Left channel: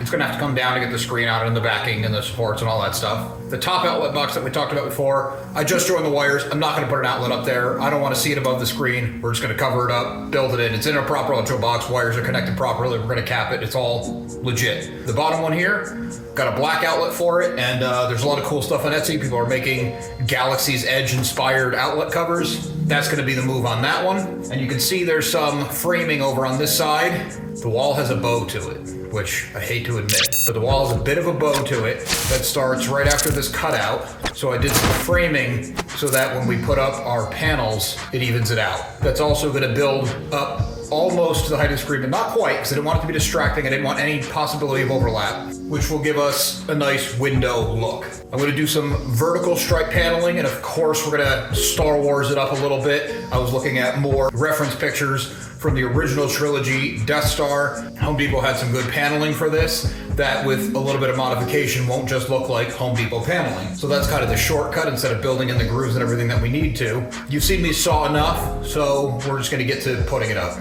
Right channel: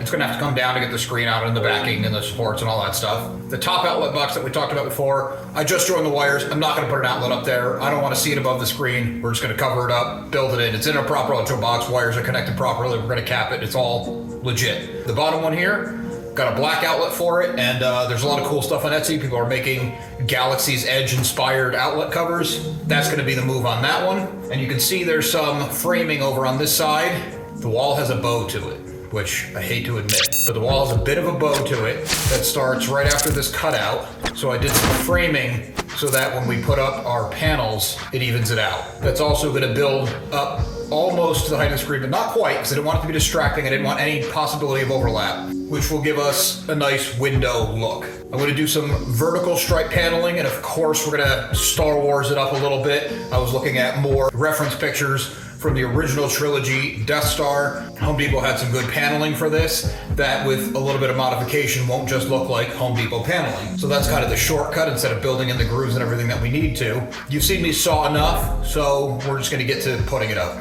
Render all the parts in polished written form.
It's gonna have to come down to get the screen out and the backing and the supports and all that stuff. The top outlet box that we talked about before, I just joined the wires. I'm not gonna put an outlet up there. I don't wanna see it above the screen. We're just gonna cover it up, build it in. It's in a proper electrical box. Wires are connected properly. We're gonna cap it. It's all legit. The bottom one here, got a black outlet for it, and there's a lot of cool stuff on Etsy. People are making Galaxy's Edge inspired outlet covers. That's gonna be the move on that one. And you can see there's some framing over on this side. The wall has a bow to it, which I hate to admit, but the wall has a bit of a bow to it that starts right after this cutout. So I did some framing so that when we put up our panels, it evens it out. That's also gonna build up almost to the height of the screen, but not quite, because I didn't want it to be distracting. I didn't want any possibility of overlap, which will give us a nice window look. I'm gonna do some vertical stripe paneling, and of course we're gonna Star Wars it up a little bit. I was looking at more reference pictures from the original trilogy Death Star. Home Depot had some good paneling for this that with a little bit of modification won't just look like Home Depot paneling. So that's kind of the shortcut instead of building in the grooves and everything that we need to. You've seen me saw enough, so we're just gonna get to putting it up.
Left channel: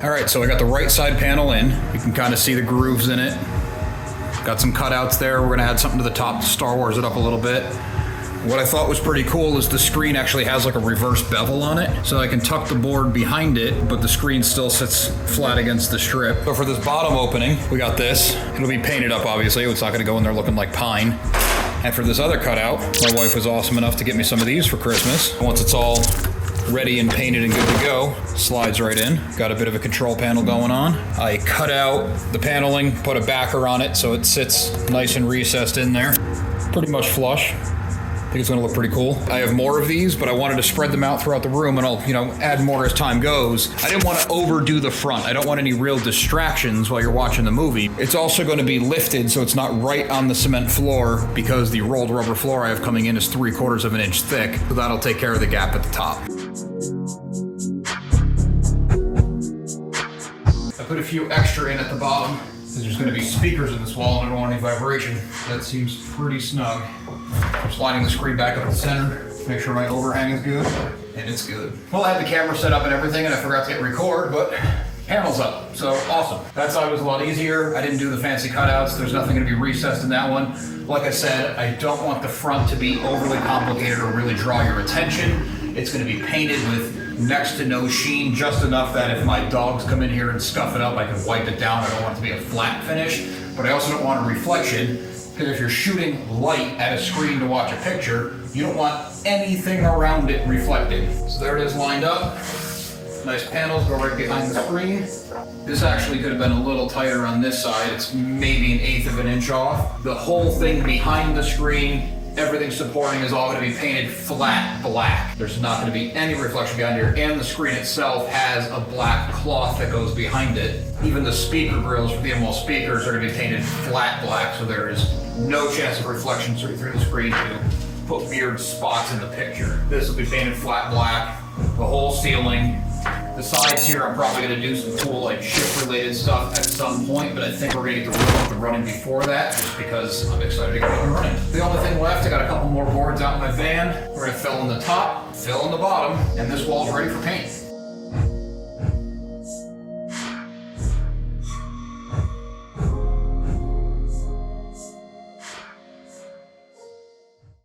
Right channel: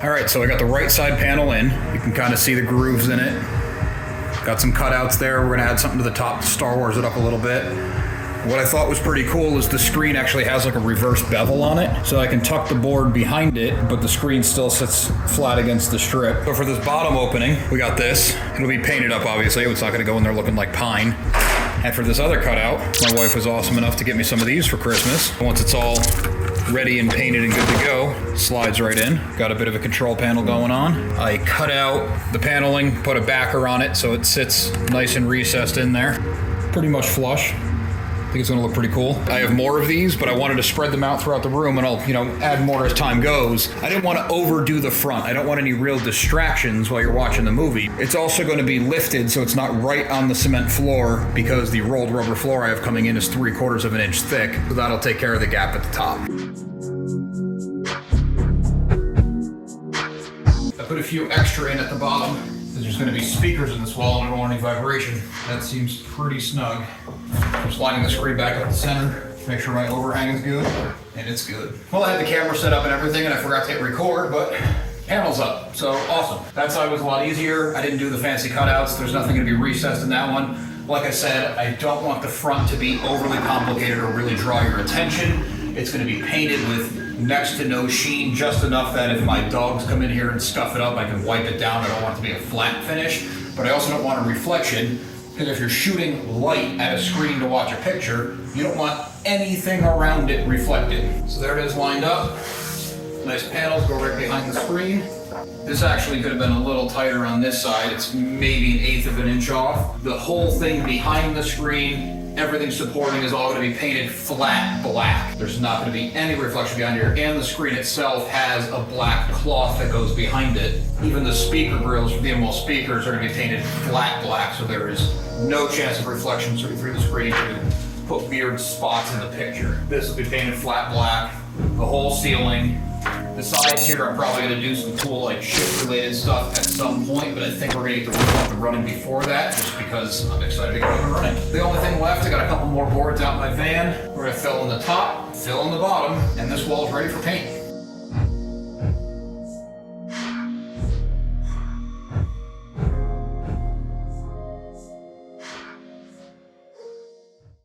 All right, so I got the right side panel in. You can kind of see the grooves in it. Got some cutouts there. We're gonna add something to the top to Star Wars it up a little bit. What I thought was pretty cool is the screen actually has like a reverse bevel on it, so I can tuck the board behind it, but the screen still sits flat against the strip. So for this bottom opening, we got this. It'll be painted up, obviously. It's not gonna go in there looking like pine. And for this other cutout, my wife was awesome enough to get me some of these for Christmas. Once it's all ready and painted and good to go, slides right in. Got a bit of a control panel going on. I cut out the paneling, put a backer on it so it sits nice and recessed in there. Pretty much flush. I think it's gonna look pretty cool. I have more of these, but I wanted to spread them out throughout the room, and I'll, add more as time goes. I didn't want to overdo the front. I don't want any real distractions while you're watching the movie. It's also going to be lifted so it's not right on the cement floor, because the rolled rubber floor I have coming in is 3/4 of an inch thick, so that'll take care of the gap at the top. I put a few extra in at the bottom, because there's going to be speakers in this wall and I don't want any vibration. That seems pretty snug. I'm sliding the screen back up the center, make sure my overhang is good, and it's good. Well, I had the camera set up and everything, and I forgot to hit record, but panel's up, so awesome. That side was a lot easier. I didn't do the fancy cutouts. There's nothing going to be recessed in that one. Like I said, I don't want the front to be overly complicated or really draw your attention. It's going to be painted with next to no sheen, just enough that if my dogs come in here and scuff it up, I can wipe it down. I don't want it to be a flat finish, but I also don't want a reflection, because if you're shooting light at a screen to watch a picture, you don't want anything around it reflected. So there it is lined up. Nice panels go right behind the screen. This actually could have been a little tighter on this side. It's maybe 1/8 of an inch off. The whole thing behind the screen, everything supporting, is all going to be painted flat black. There's not going to be any reflection behind here, and the screen itself has a black cloth that goes behind it. Even the speaker grills for the ML speakers are going to be painted flat black, so there is no chance of reflection through the screen to put weird spots in the picture. This will be painted flat black, the whole ceiling. The sides here, I'm probably gonna do some cool like shift related stuff at some point, but I think we're gonna get the room up and running before that, just because I'm excited to get up and running. The only thing left, I got a couple more boards out in my van. We're gonna fill in the top, fill in the bottom, and this wall's ready for paint.